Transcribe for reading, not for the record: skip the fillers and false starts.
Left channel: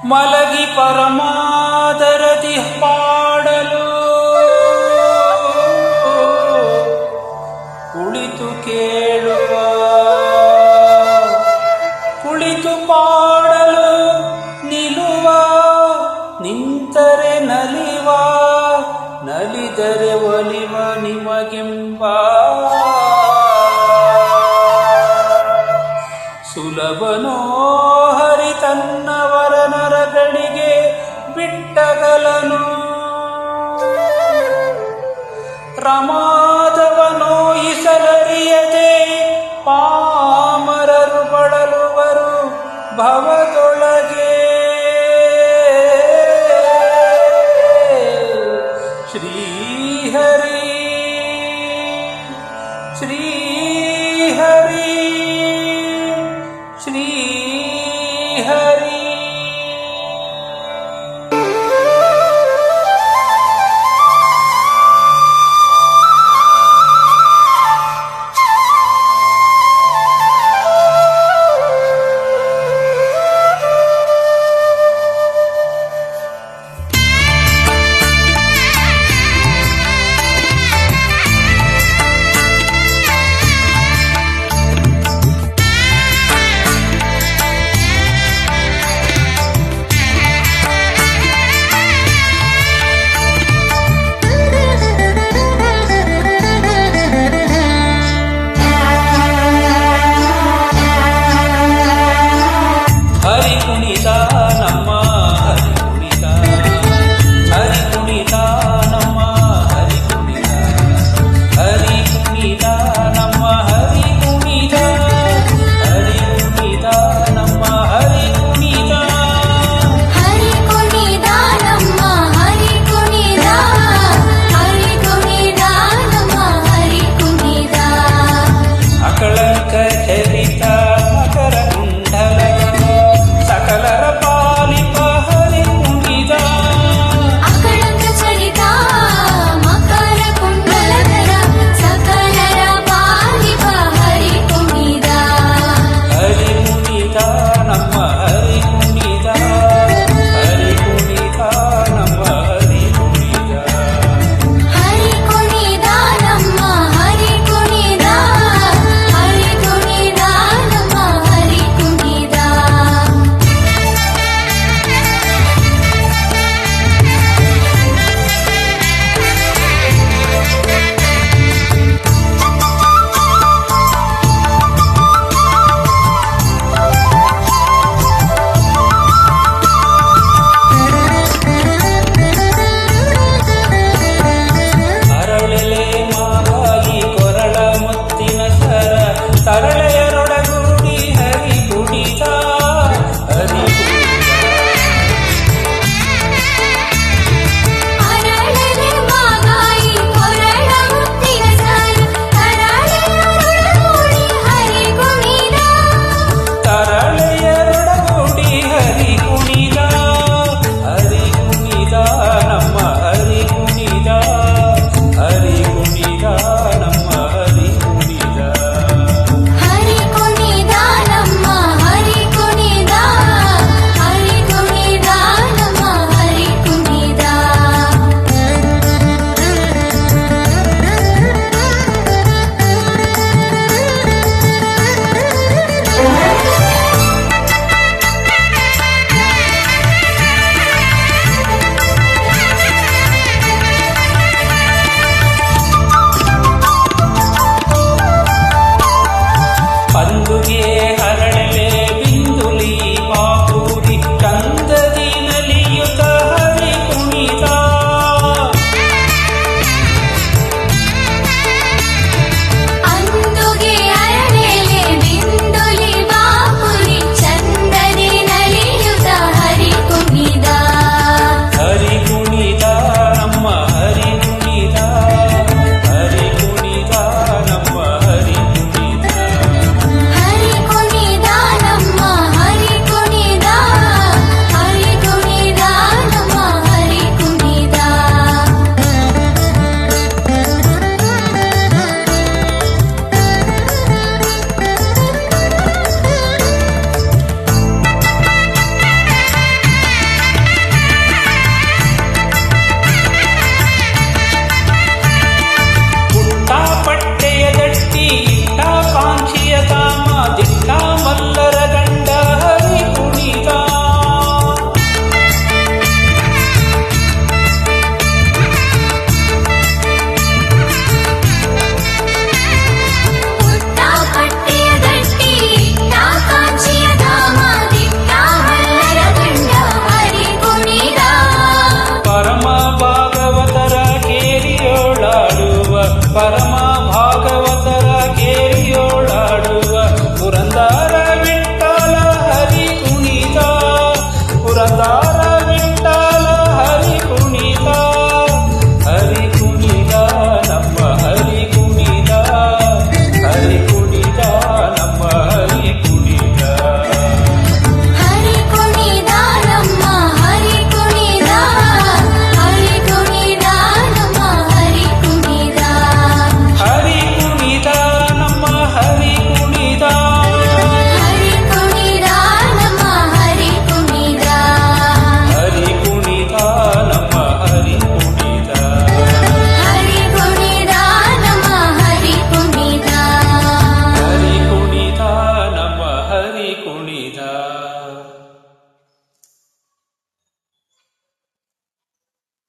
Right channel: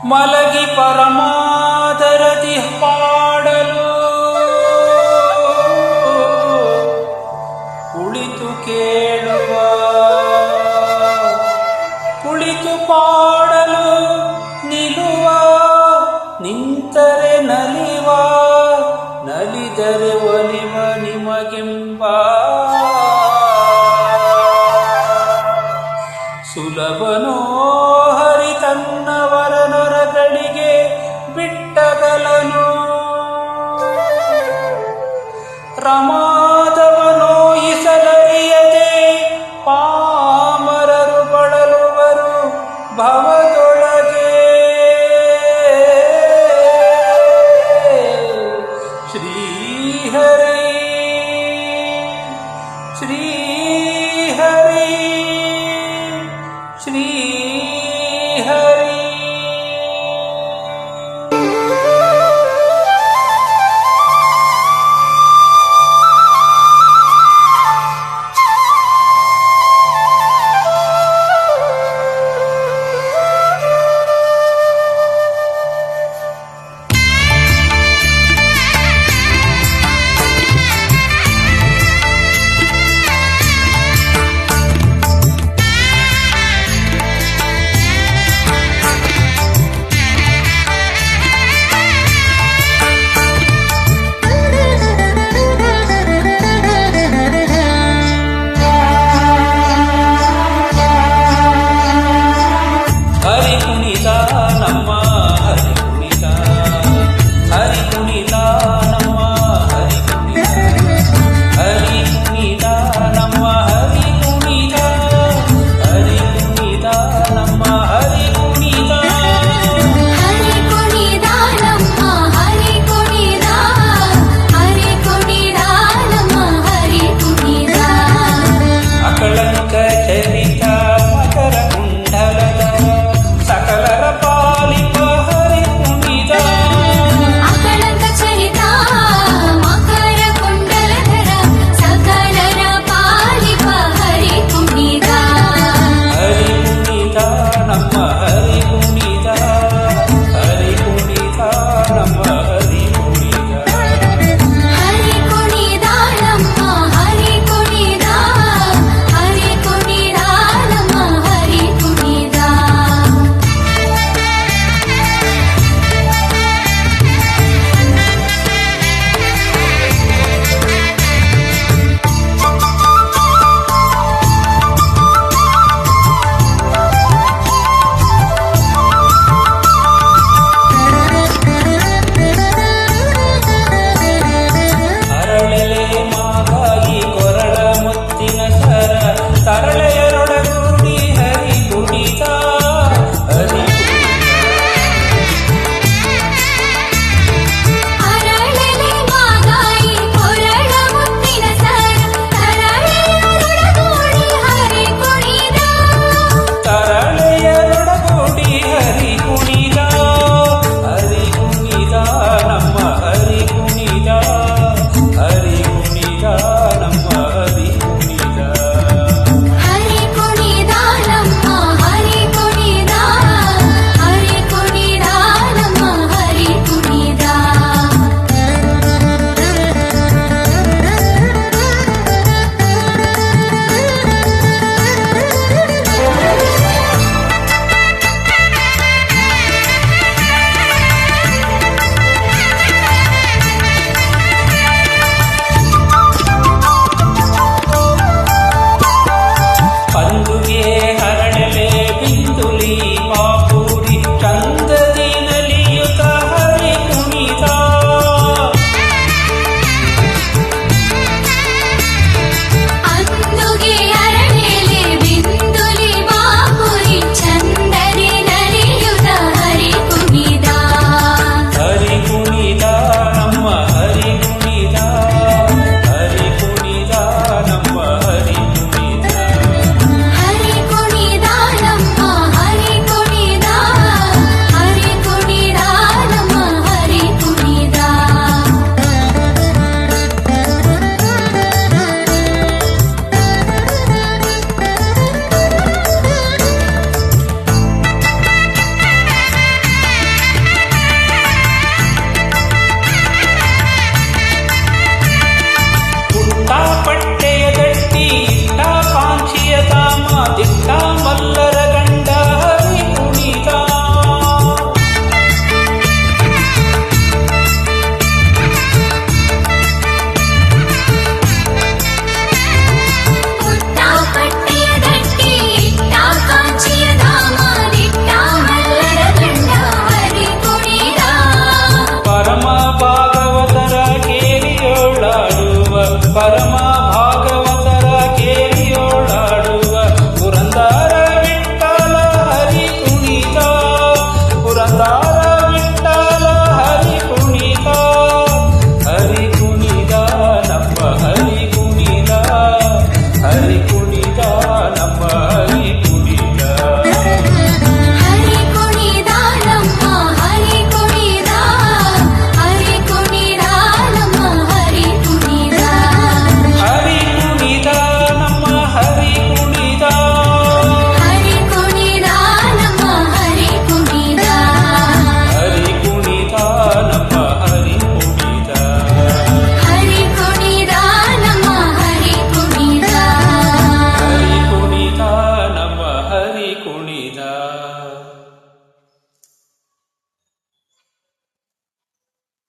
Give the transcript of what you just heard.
ಮಲಗಿ ಪರಮಾದರದಿ ಪಾಡಲು ಕುಳಿತು ಕೇಳುವ, ಕುಳಿತು ಪಾಡಲು ನಿಲುವ, ನಿಂತರೆ ನಲಿವ, ನಲಿದರೆ ಒಲಿವ ನಿಮಗೆಂಬ ಸುಲಭನೋ ಹರಿ ತನ್ನವರ ನರಗಳಿಗೆ ಬಿಟ್ಟಗಲನು. ರಮಾದವನೋಯಿಸಲರಿಯದೆ ಪಾಮರರು ಬಳಲುವರು ಭವದೊಳಗೆ. ಶ್ರೀಹರಿ ಶ್ರೀಹರಿ ಶ್ರೀಹರಿ. ಹರಿ ಕುಣಿತ ನಮ್ಮ ಹರಿ ಕುಣಿತ, ಹರಿ ಕುಣಿತ ನಮ್ಮ ಹರಿ ಕುಣಿತ, ಹರಿ ಕುಣಿತ ನಮ್ಮ ಹರಿ ಕುಣಿತ, ಹರಿ ಕುಣಿತ ನಮ್ಮ ಹರಿ ಕುಣಿತ. ಹರಿ ಕುಣಿತ ನಮ್ಮ ಹರಿ ಕುಣಿತ, ಹರಿ ಕುಣಿತ ನಮ್ಮ ಹರಿ ಕುಣಿತ. ಅಕಳಂಕ ಚರಿತ ಮಕರ ಕುಂಡಲಧರ ಸಕಲರ ಪಾಲಿಪ ಹರಿ ಕುಣಿತ. ಅಕಳಂಕ ಚರಿತ ಮಕರ ಕುಂಡಲಧರ ಸಕಲರ ಪಾಲಿಪ ಹರಿ ಕುಣಿತ. ಹರಿ ಕುಣಿತ ನಮ್ಮ ಹರಿ ಕುಣಿತ, ಹರಿ ಕುಣಿತ ನಮ್ಮ ಹರಿ ಕುಣಿತ. ಹರಿ ಕುಣಿತ ನಮ್ಮ ಹರಿ ಕುಣಿತ, ಹರಿ ಕುಣಿತ ನಮ್ಮ ಹರಿ ಕುಣಿತ. ಅರಳೆಲೆ ಮಾಗಾಯಿ ಕೊರಳ ಮುತ್ತಿನ ಸರ ತರಳೆಯರೊಡಗೂಡಿ ಹರಿ ಕುಣಿತ, ಹರಿ ಕುಣಿತ. ಅರಳೆಲೆ ಮಾಗಾಯಿ ಕೊರಳ ಮುತ್ತಿನ ಸರ ತರಳೆಯರೊಡಗೂಡಿ ಹರಿ ಕುಣಿತ. ತರಳೆಯರೊಡಗೂಡಿ ಹರಿ ಕುಣಿತ, ಹರಿ ಕುಣಿತ ನಮ್ಮ ಹರಿ ಕುಣಿತ, ಹರಿ ಕುಣಿತ ನಮ್ಮ ಹರಿ ಕುಣಿತ. ಹರಿ ಕುಣಿತ ನಮ್ಮ ಹರಿ ಕುಣಿತ, ಹರಿ ಕುಣಿತ ನಮ್ಮ ಹರಿ ಕುಣಿತ. ಪಂದುಗೆ ಹರಳೆಲೆ ಬಿಂದುಲಿ ಪಾಪೂರಿ ಚಂದದಿ ನಲಿಯುತ ಹರಿ ಕುಣಿತ. ಅಂದುಗೆ ಅರಳೆಲೆ ಬಿಂದುಲಿ ಬಾಪುರಿ ಚಂದದಿ ನಲಿಯುತ ಹರಿ ಕುಣಿತ. ಹರಿ ಕುಣಿತ ನಮ್ಮ ಹರಿ ಕುಣಿತ, ಹರಿ ಕುಣಿತ ನಮ್ಮ ಹರಿ ಕುಣಿತ. ಹರಿ ಕುಣಿತ ನಮ್ಮ ಹರಿ ಕುಣಿತ, ಹರಿ ಕುಣಿತ ನಮ್ಮ ಹರಿ ಕುಣಿತ. ಕಾಂಕ್ಷಿಯ ತಾಮ ದಿಟ್ಟ ಮಲ್ಲರ ಗಂಡ ಹರಿ ಕುಣಿತ ಪುಟ್ಟ ಪಟ್ಟೆಯ ಗಟ್ಟಿ ಇಟ್ಟ ಕಾಂಚಿಯ ಧಾಮ ದಿಟ್ಟ ಮಲ್ಲರ ಗಂಡ ಹರಿ ಕುಣಿದ ಪರಮ ಭಾಗವತರ ಕೇರಿಯೋಳಾಡುವ ಪರಮ